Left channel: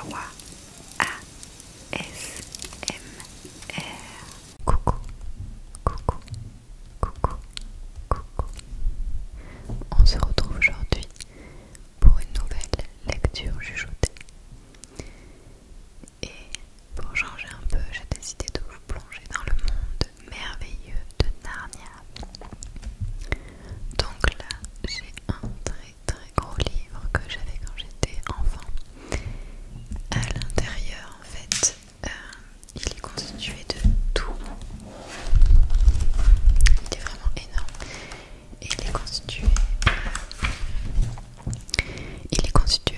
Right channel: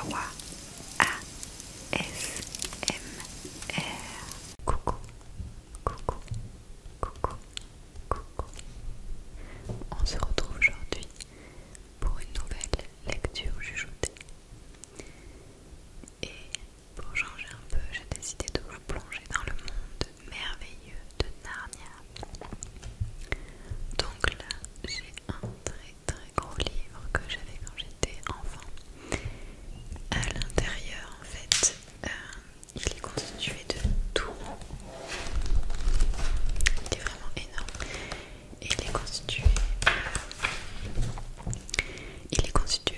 Kawa ASMR. Coucou, coucou, coucou, coucou. On se retrouve aujourd'hui pour une nouvelle lecture chuchotée. Et pour changer un peu, j'ai décidé de vous plonger dans le monde merveilleux de Narnia. Donc là, j'ai un très gros livre que j'avais quand j'étais enfant. À l'intérieur, en fait, il est constitué de tout. Il est vraiment énorme. Et il est constitué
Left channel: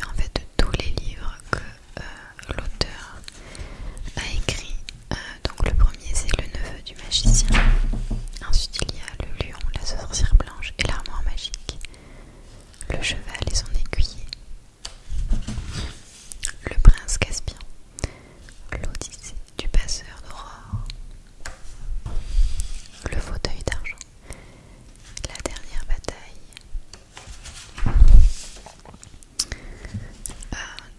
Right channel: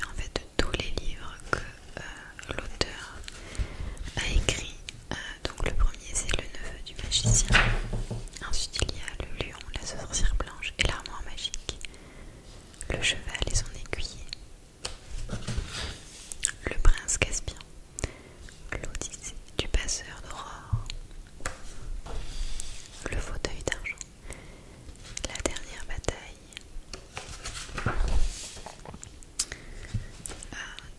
en fait de tous les livres que l'auteur a écrit. Donc le premier c'est Le Neveu du Magicien. Ensuite il y a Le Lion, la Sorcière Blanche et l'Armoire Magique. Le Cheval et son Écuyer. Le Prince Caspian. L'Odyssée du Passeur d'Aurore. Le Fauteuil d'Argent. La Dernière Bataille.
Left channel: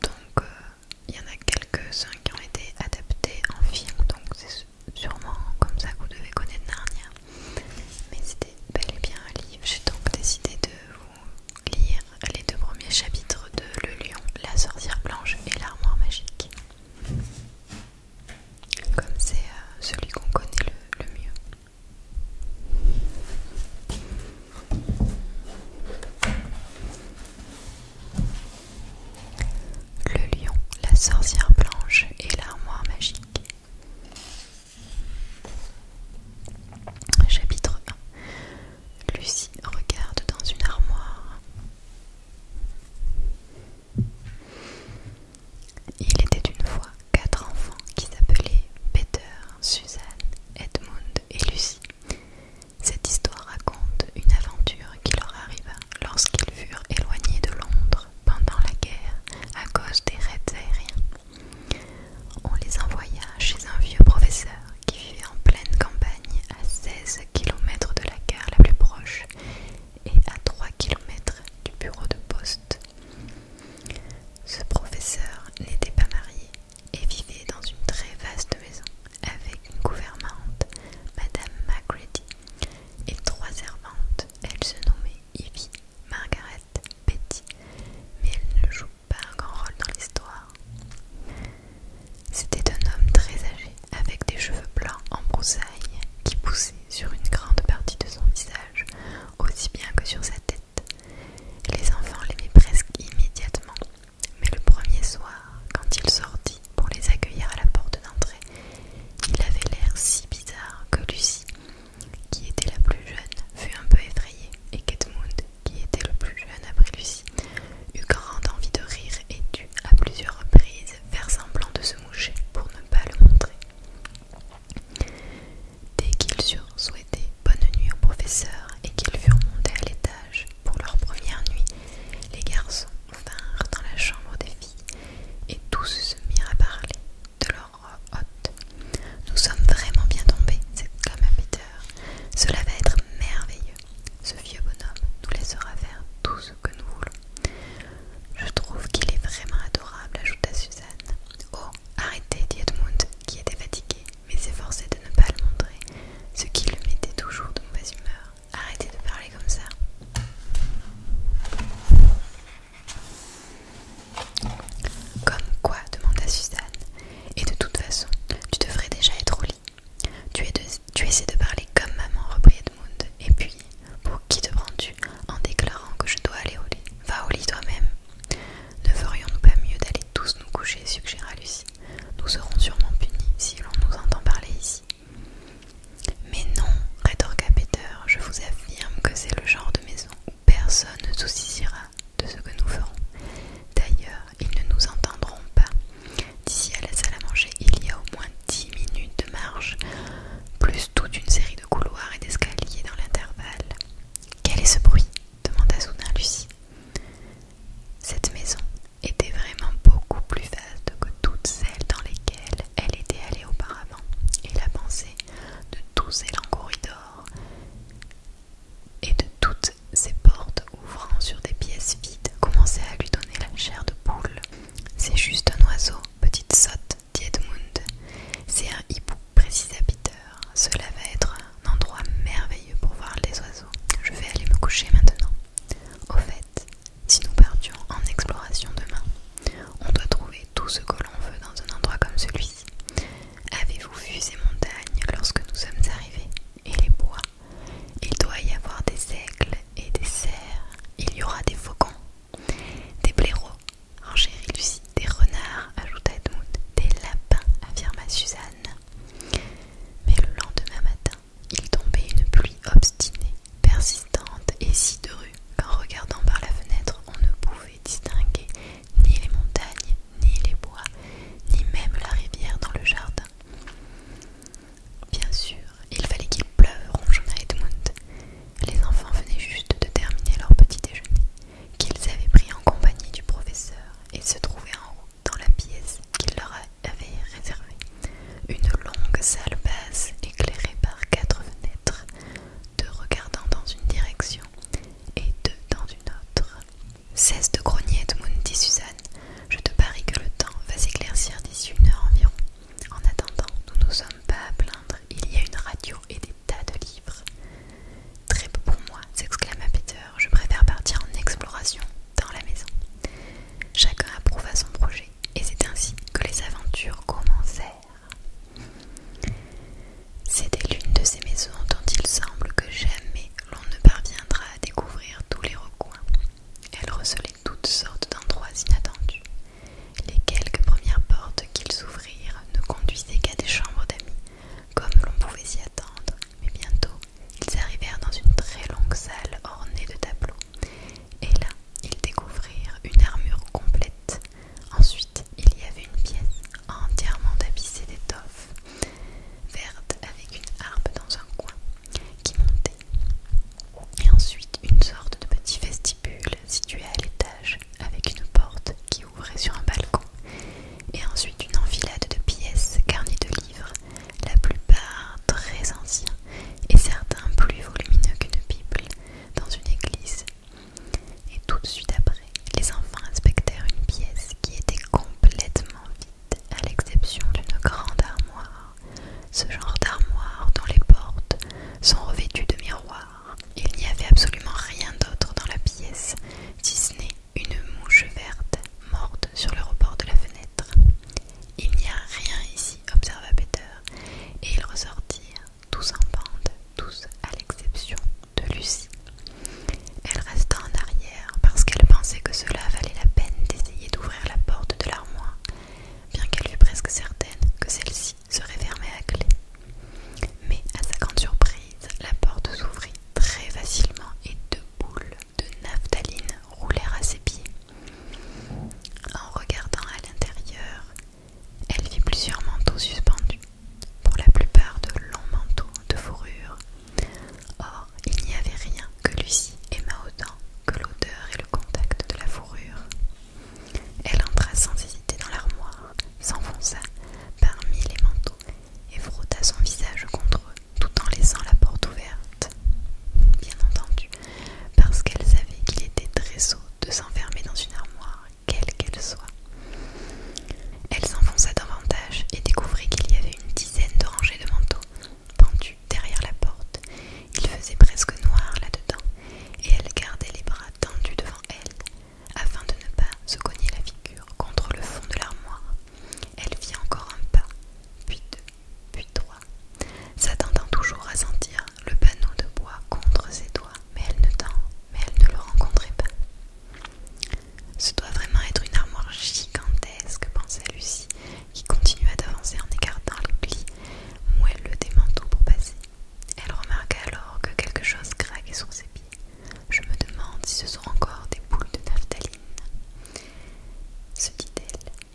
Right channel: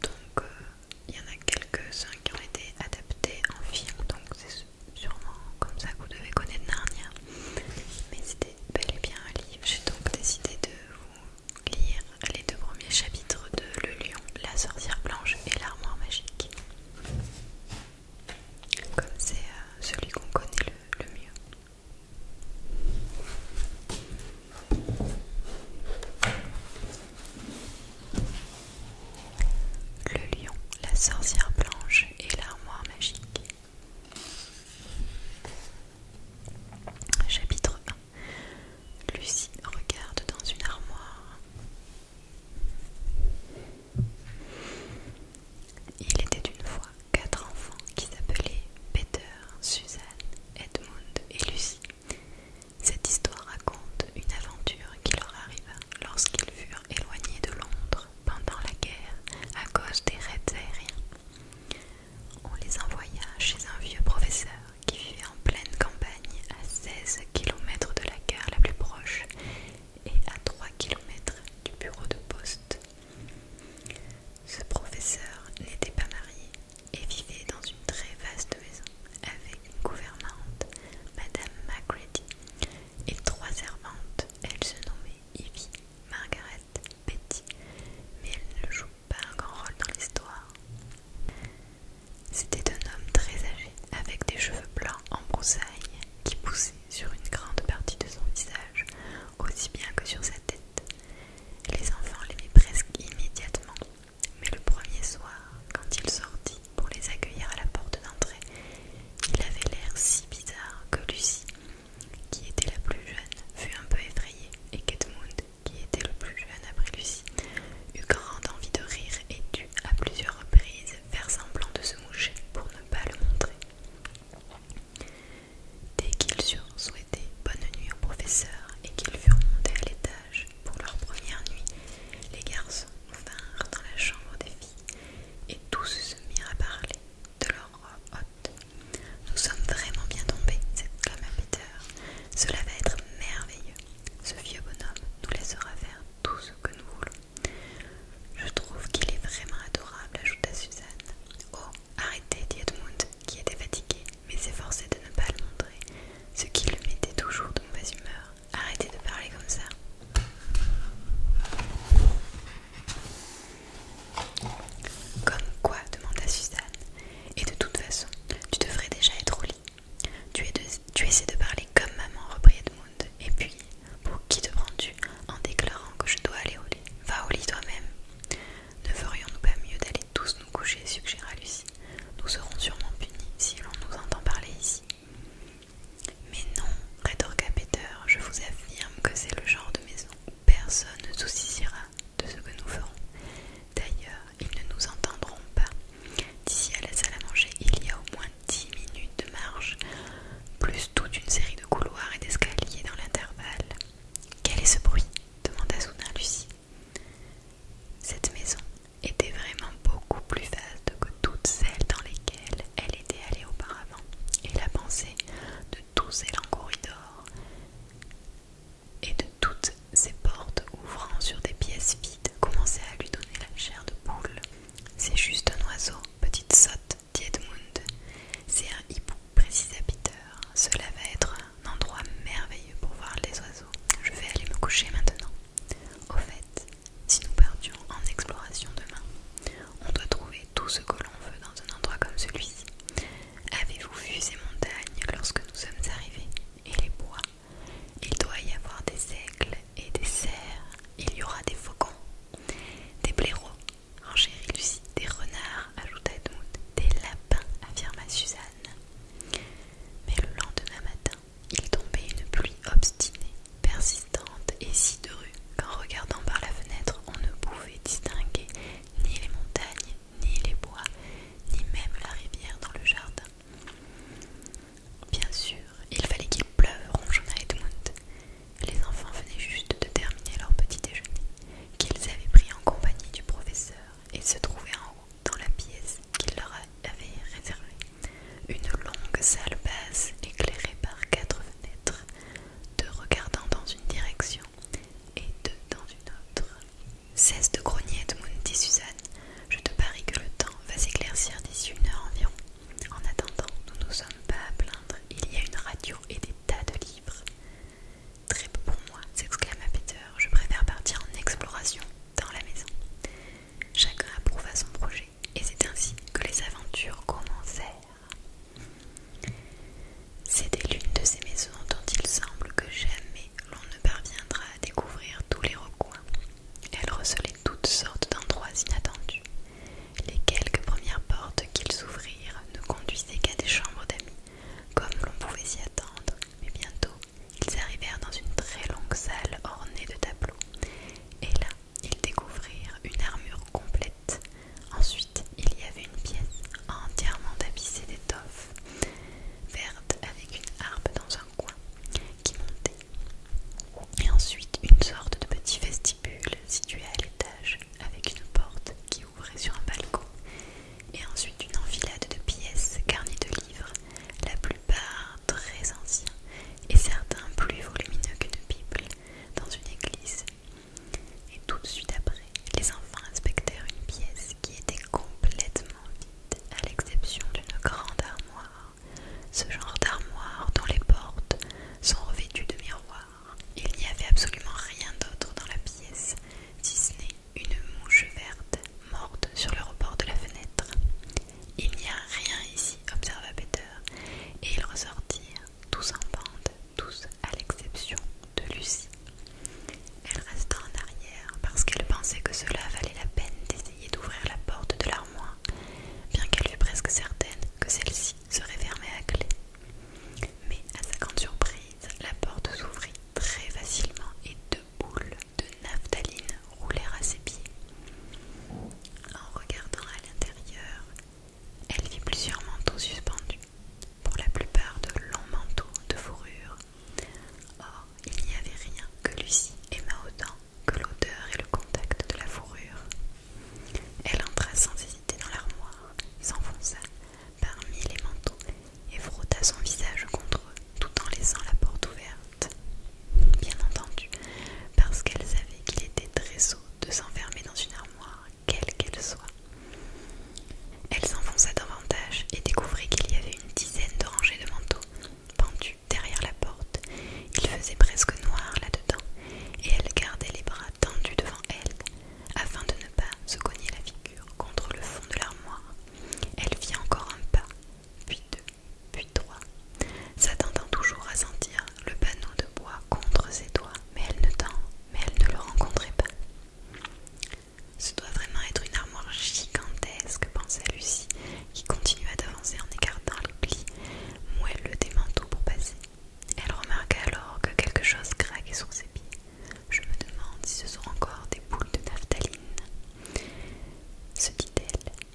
Donc il y en a quelques-uns qui ont été adaptés en film, donc c'est sûrement comme ça que vous devez connaître Narnia. Mais c'était bel et bien un livre. J'ai donc décidé de vous lire les deux premiers chapitres de Le Lion, la Sorcière Blanche et l'Armoire Magique. Comme c'est celui qu'on connaît le mieux. Le Lion, la Sorcière Blanche et l'Armoire Magique. Chapitre 1. Lucie regarde dans une armoire. Il était une fois 4 enfants qui s'appelaient Peter, Suzanne, Edmund et Lucie. Cette histoire raconte une aventure qui leur arriva lorsqu'ils furent éloignés de Londres pendant la guerre à cause des raids aériens.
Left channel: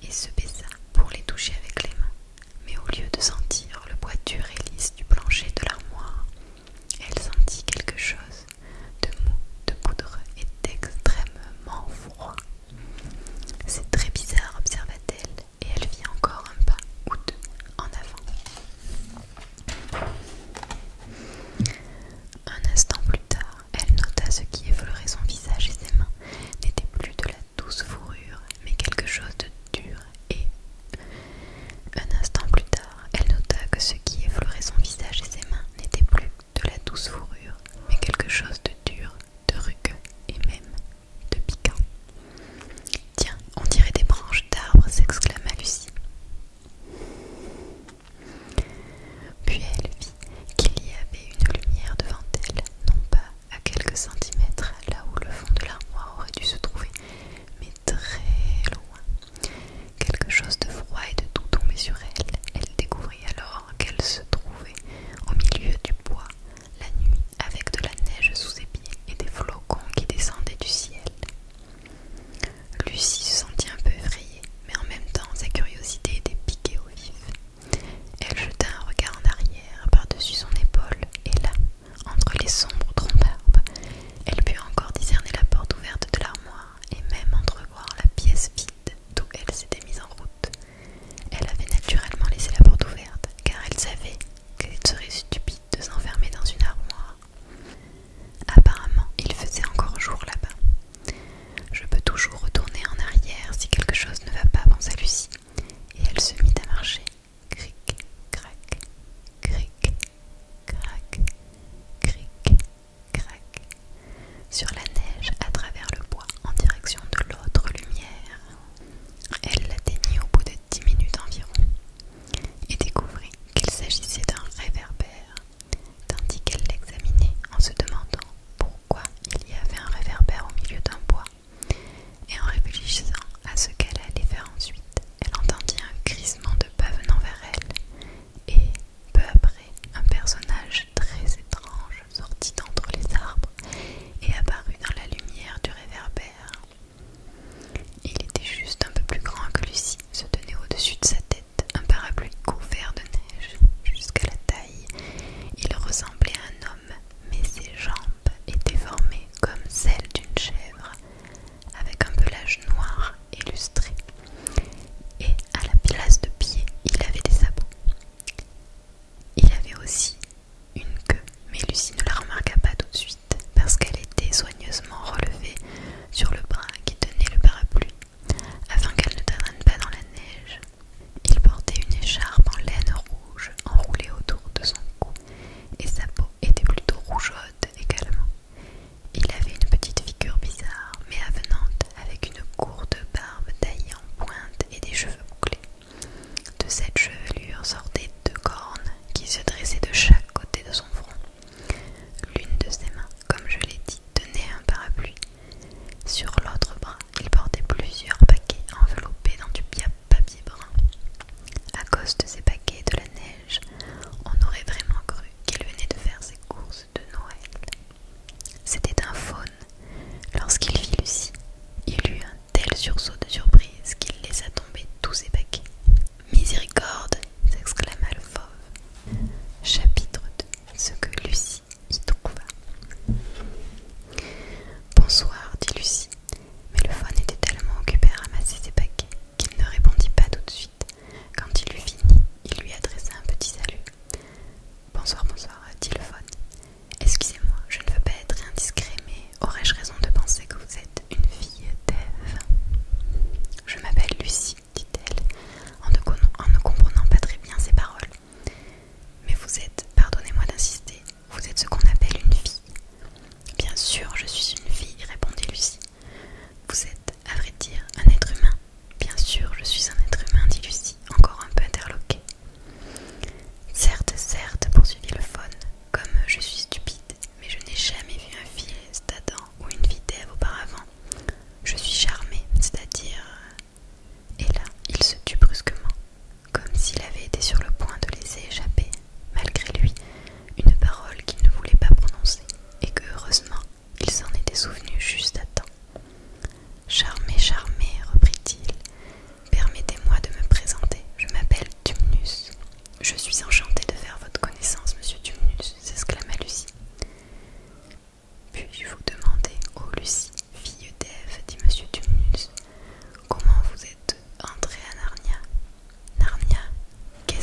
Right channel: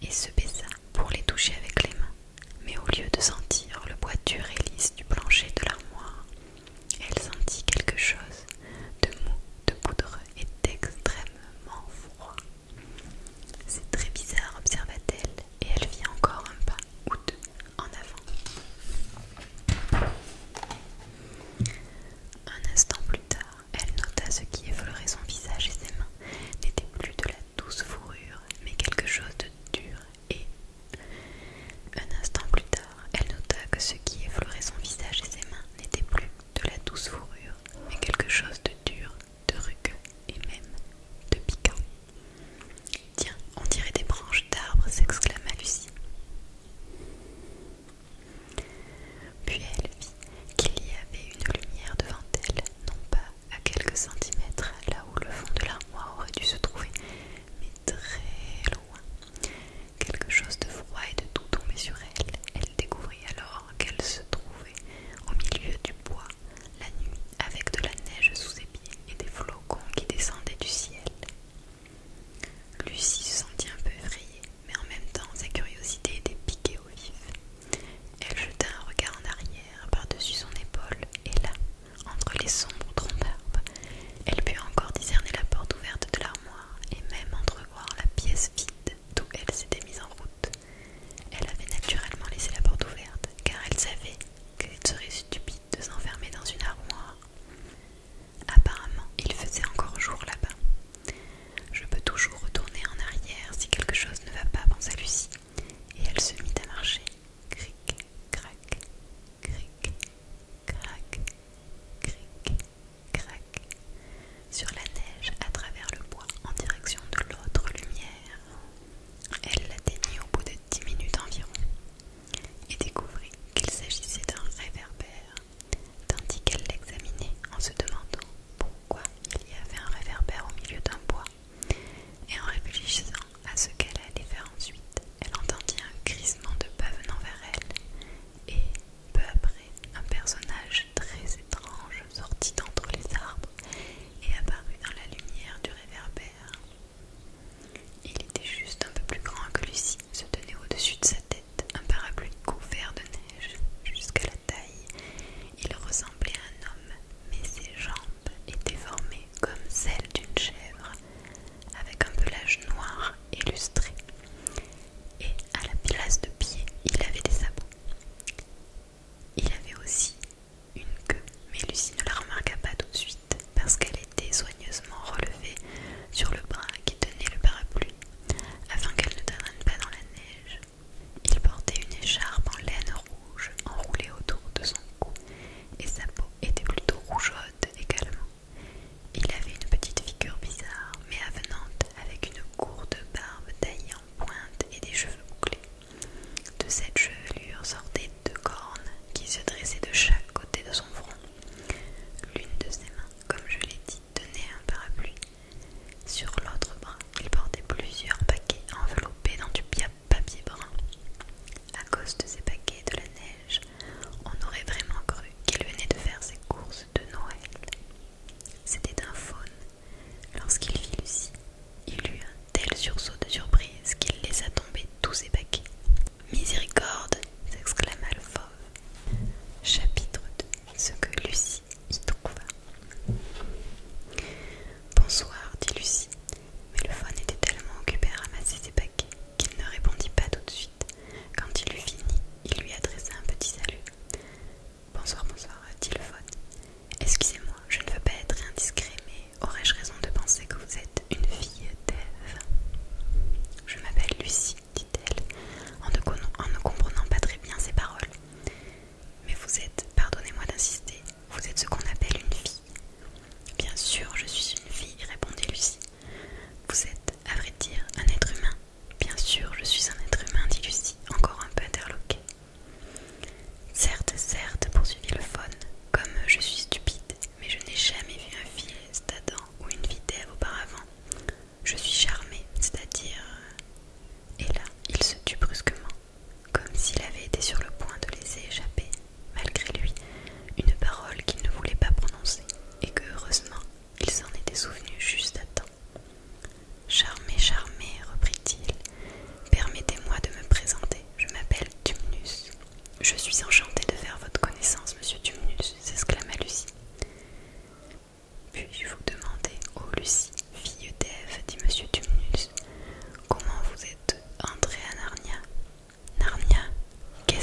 et se baissa pour les toucher avec les mains. Mais au lieu de sentir le bois dur et lisse du plancher de l'armoire, elle sentit quelque chose de mou, de poudreux et d'extrêmement froid. C'est très bizarre, observa-t-elle, et elle fit encore un pas ou deux en avant. Un instant plus tard, elle nota ce qui effleurait son visage et ses mains n'était plus de la douce fourrure, mais quelque chose de dur et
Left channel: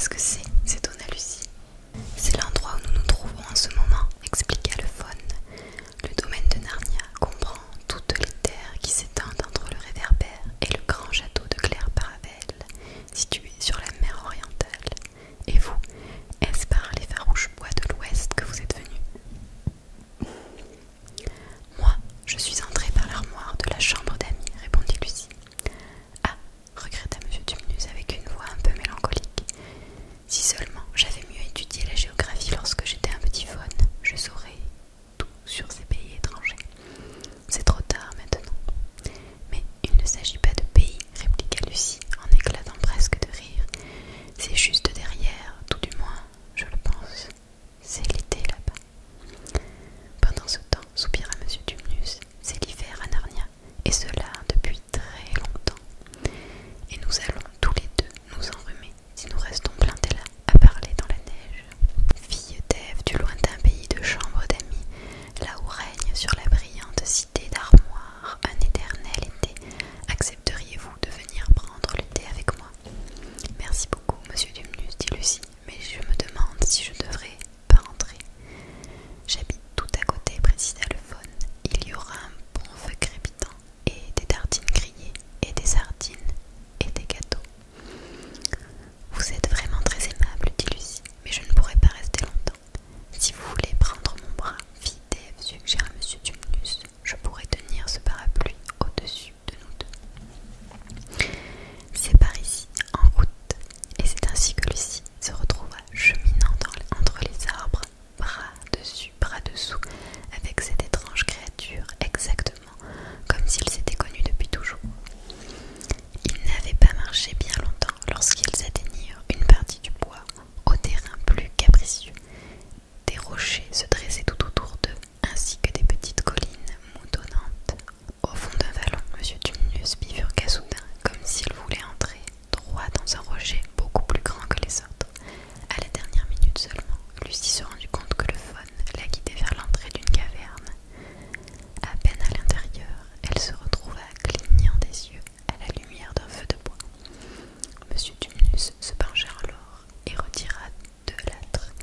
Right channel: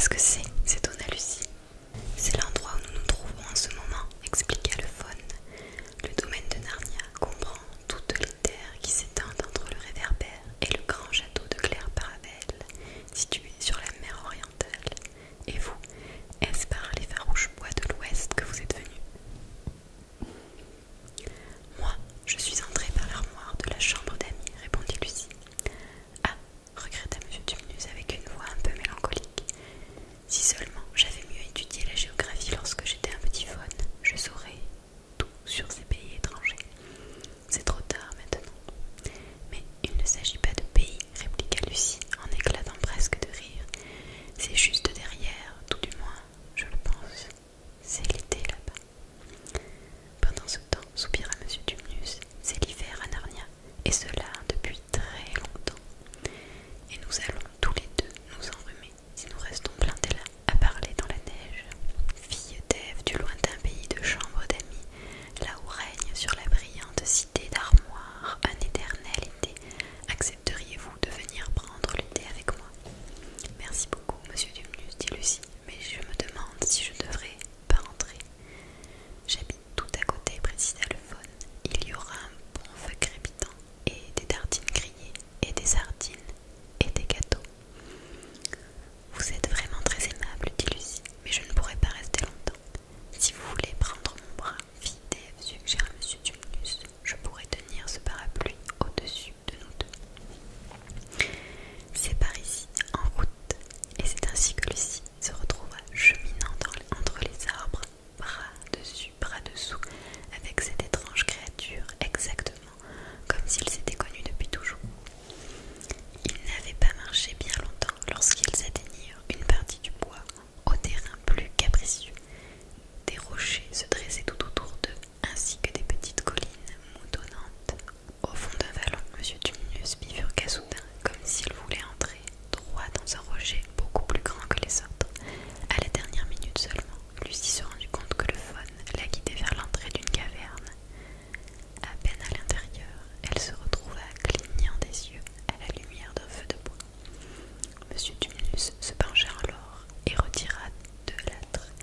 qu'est-ce que c'est s'étonna Lucie. C'est l'endroit où nous nous trouvons en ce moment, expliqua le faune. Le domaine de Narnia comprend toutes les terres qui s'étendent entre le réverbère et le grand château de Claire-Paravel, situé sur la mer orientale. Et vous, est-ce par les farouches bois de l'ouest que vous êtes venu? Moi, je suis entrée par l'armoire de la chambre d'amis, répondit Lucie. Ah, regretta M. Tumnus avec une voix un peu mélancolique. Si seulement j'avais mieux étudié la géographie lorsque j'étais un petit faune, je saurais tout sur ces pays étrangers. C'est trop tard maintenant. Mais il ne s'agit pas de pays, répliqua Lucie en éclatant presque de rire. C'est juste derrière, tout du moins, je le pense. C'est l'été là-bas. Pendant ce temps, soupira M. Tumnus, c'est l'hiver à Narnia, et cela depuis très longtemps. Et nous allons tous les deux nous enrhumer si nous restons plantés là à parler dans la neige. Fille d'Ève du lointain pays de chambre d'amis, là où règne sur la brillante cité d'Armoire un éternel été, accepteriez-vous de venir prendre le thé avec moi? Merci beaucoup, monsieur Tumnus, dit Lucie, mais je me demande si je devrais pas rentrer. J'habite tout à côté, précisa le faune. Il y aura un bon feu crépitant, et des tartines grillées, et des sardines, et des gâteaux. Vous êtes vraiment très aimable, dit Lucie, mais je ne pourrai pas rester longtemps. Si vous voulez prendre mon bras, fille d'Ève, suggéra M. Tumnus, je pourrais tenir ce parapluie au-dessus de nous deux. C'est par ici, en route, et c'est ainsi que Lucie se retrouva cheminant entre les arbres, bras dessus, bras dessous, avec cette étrange créature exactement comme s'ils s'étaient connus depuis toujours. Ils n'avaient pas marché bien longtemps lorsqu'ils atteignirent une partie du bois au terrain plus capricieux. Des rochers se dressaient tout autour d'eux, ainsi que des petites collines moutonnantes. Au fond d'un vallon, M. Tumnus bifurqua soudain, comme s'il voulait entrer droit dans un rocher beaucoup plus grand que les autres. À la dernière minute seulement, Lucie se rendit compte que le faune la guidait vers l'entrée d'une caverne. À peine à l'intérieur, elle se retrouva clignant des yeux à la lumière d'un feu de bois. M. Tumnus se pencha alors et retira de l'âtre,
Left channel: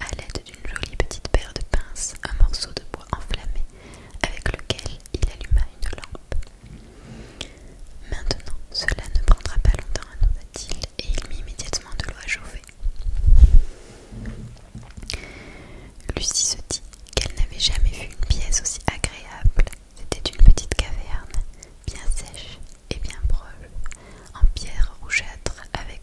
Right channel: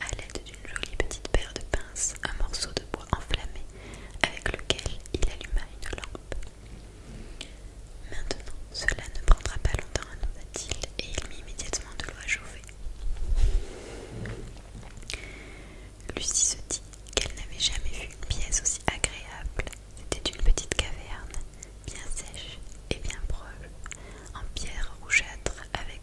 à l'aide d'une jolie petite paire de pinces, un morceau de bois enflammé avec lequel il alluma une lampe. Maintenant, cela ne prendra pas longtemps, annonça-t-il, et il mit immédiatement de l'eau à chauffer. Lucie se dit qu'elle n'avait jamais vu une pièce aussi agréable. C'était une petite caverne, bien sèche et bien proche, en pierre rougeâtre avec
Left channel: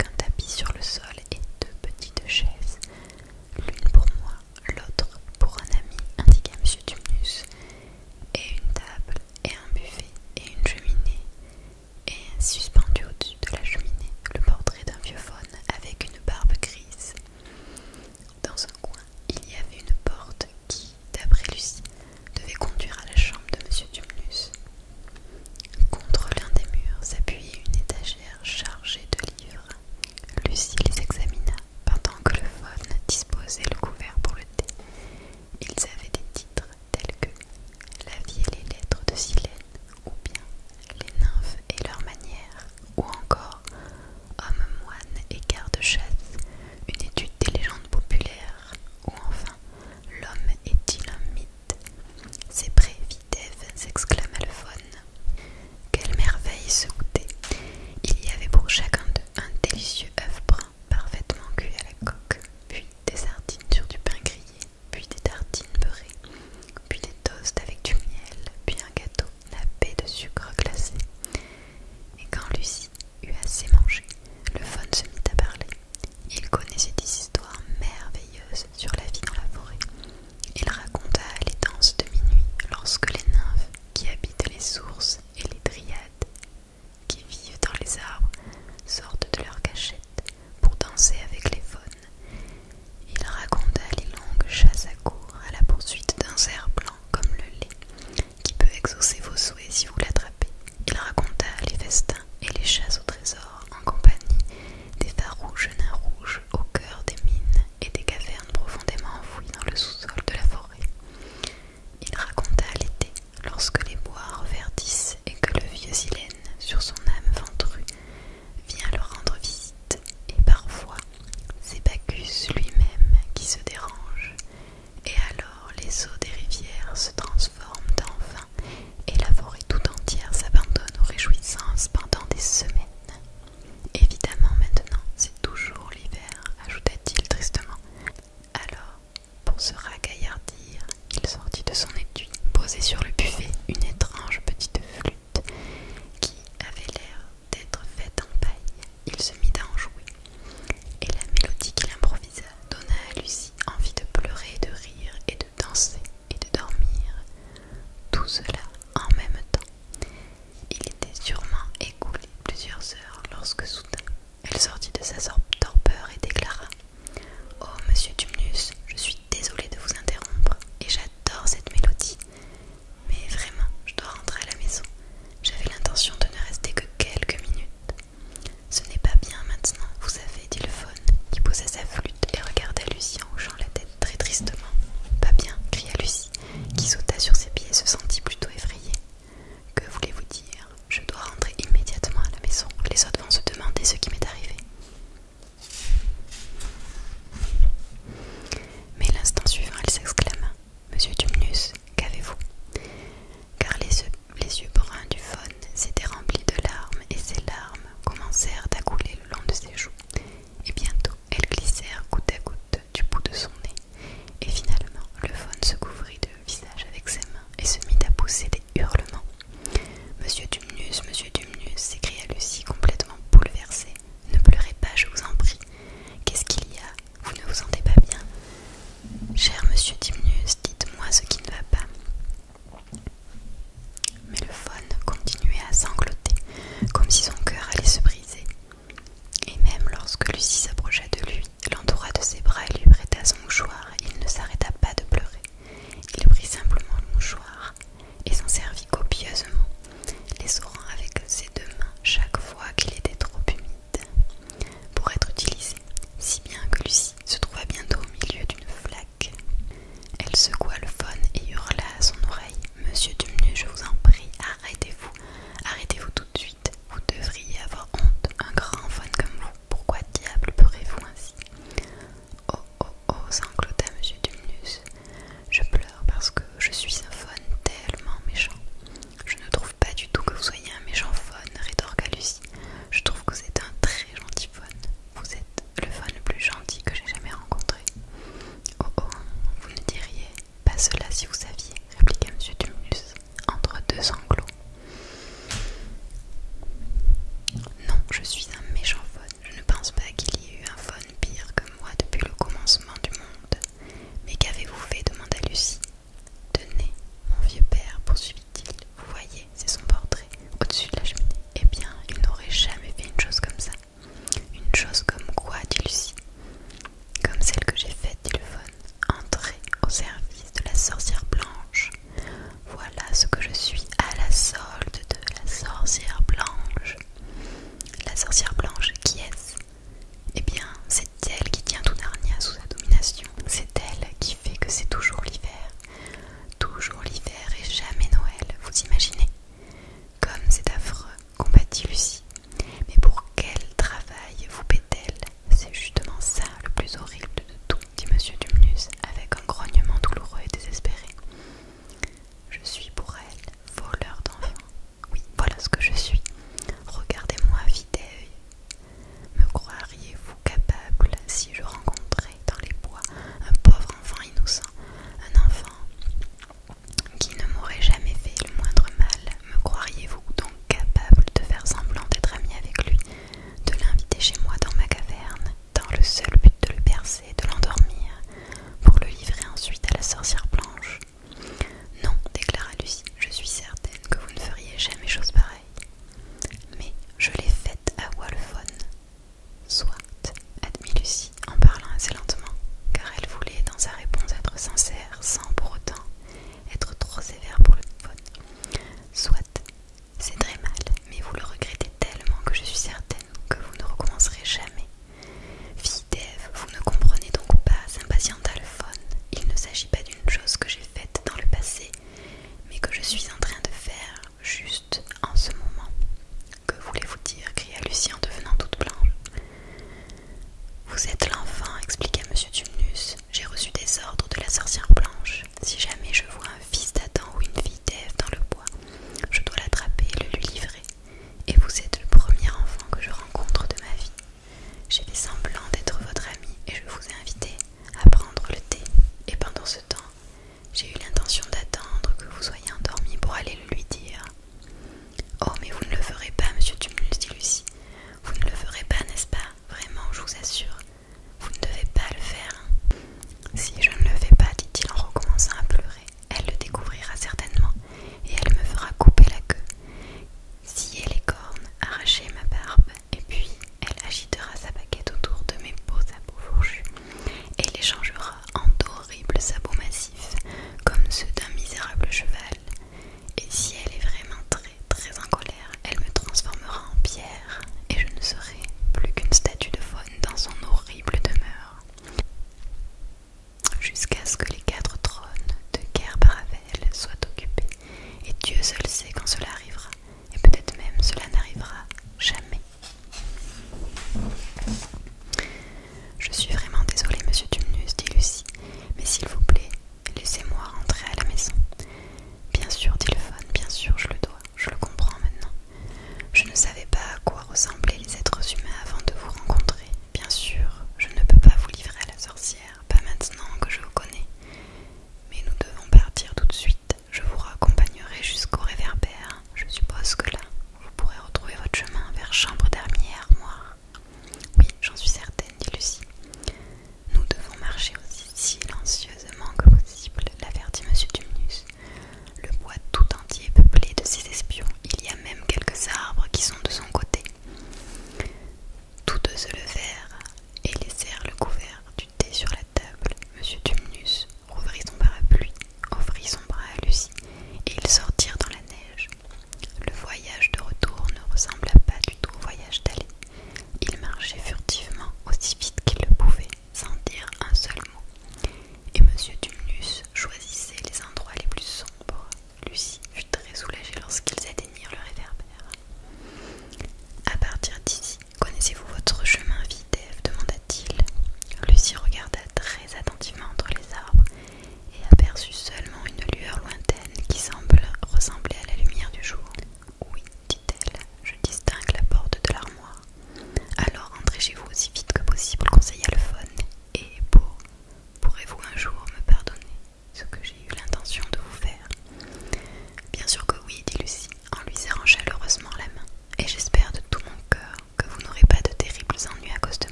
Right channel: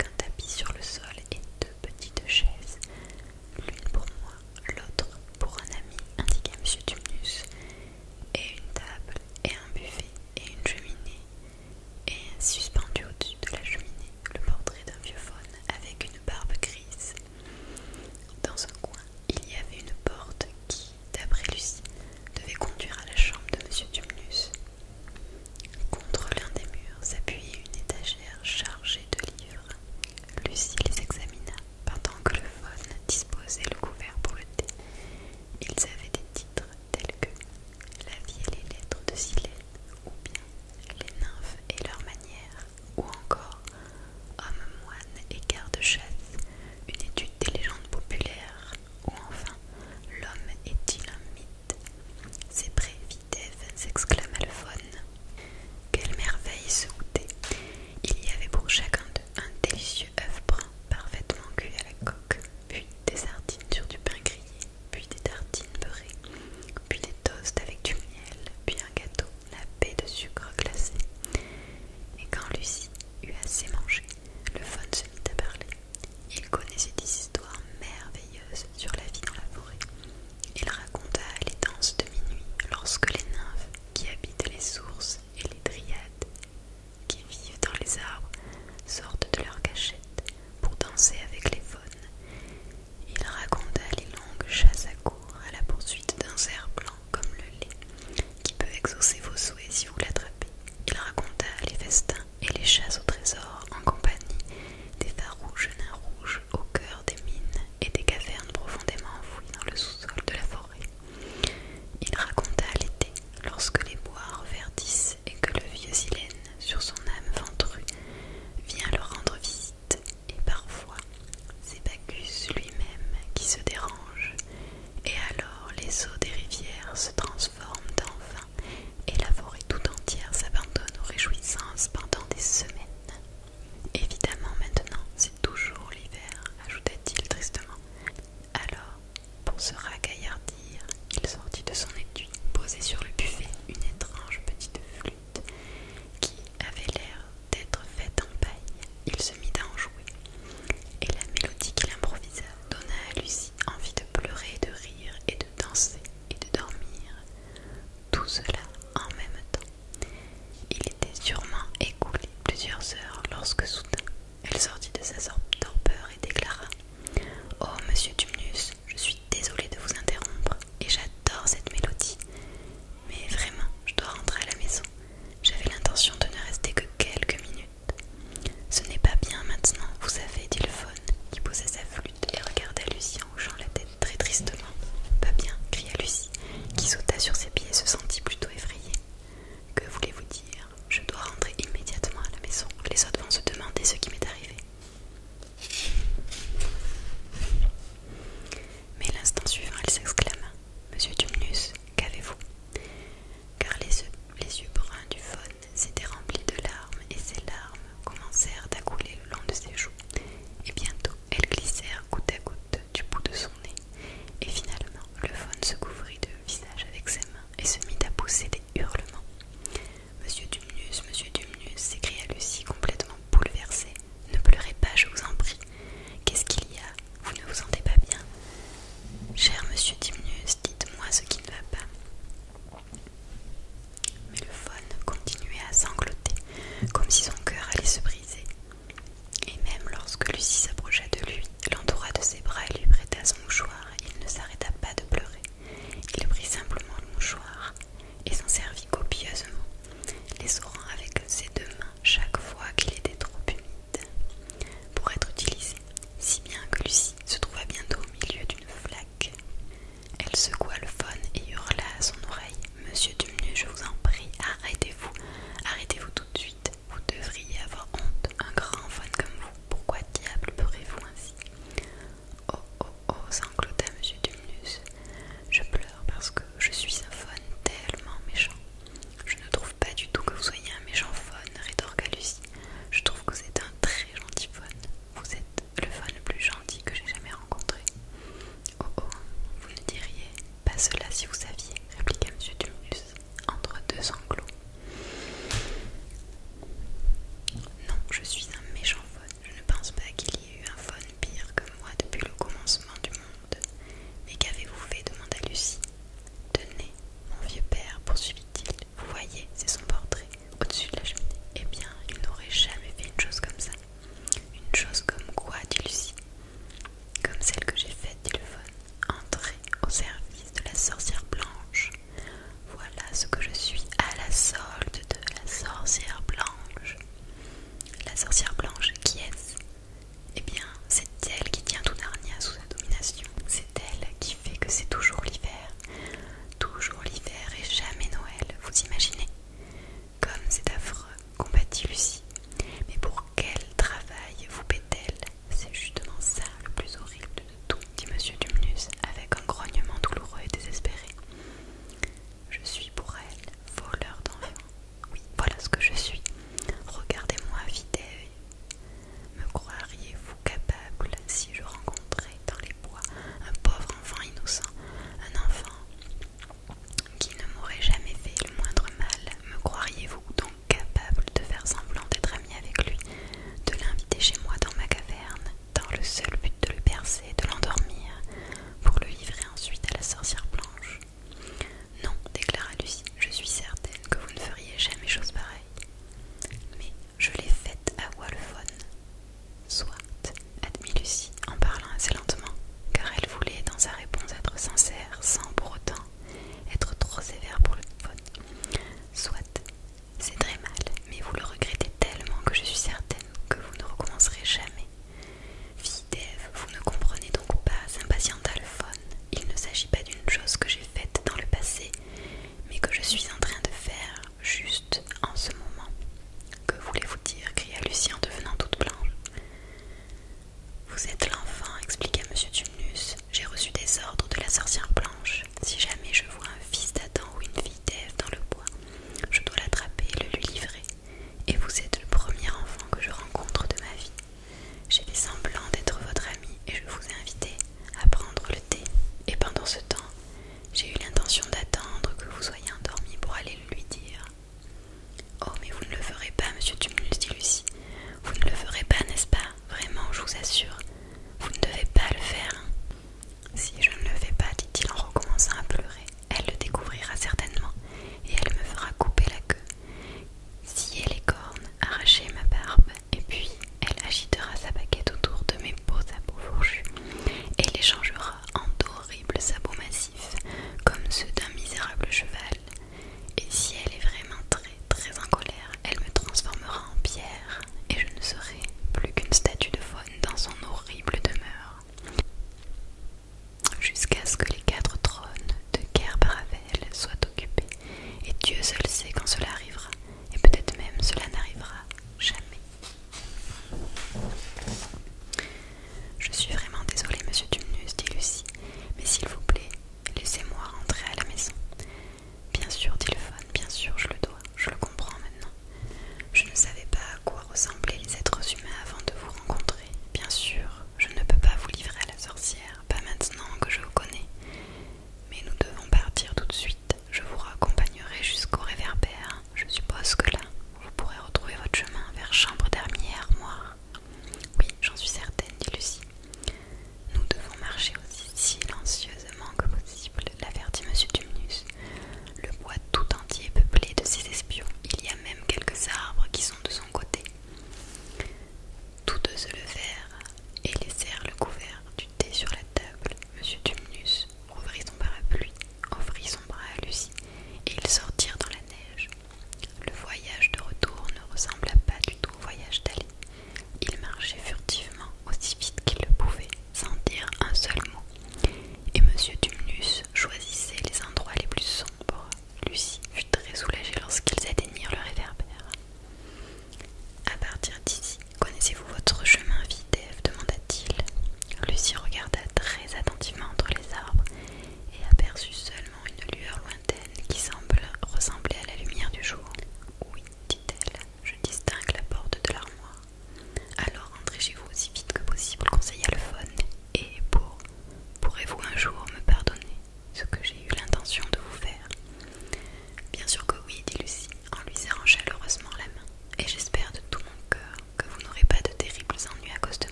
si je